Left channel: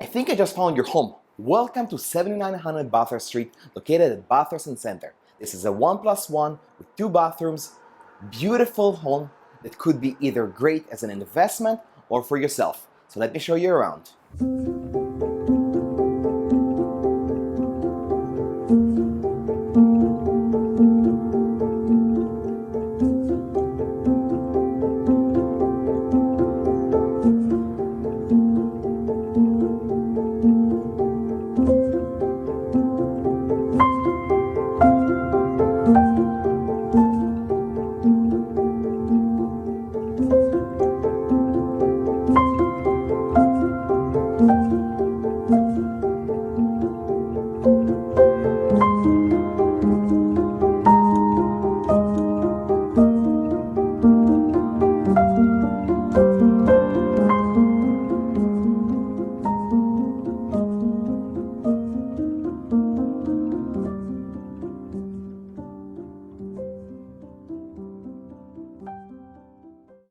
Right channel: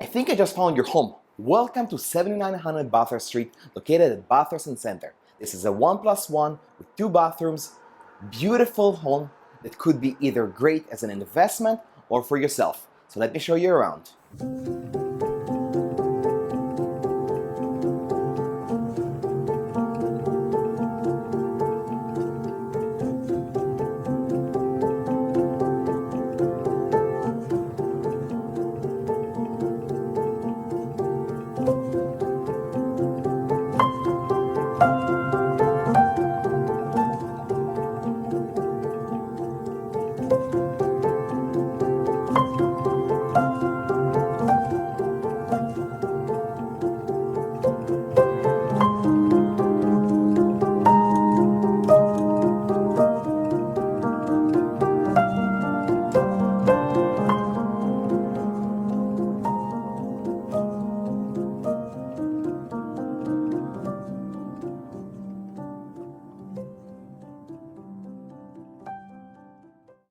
I think I just found your home. Welcome to 7900 Bathurst Street, located at Bathurst Center. This is a 1+1 with 2 bathrooms, beautiful home that could be either great as an investment or for yourself. So let me show you around.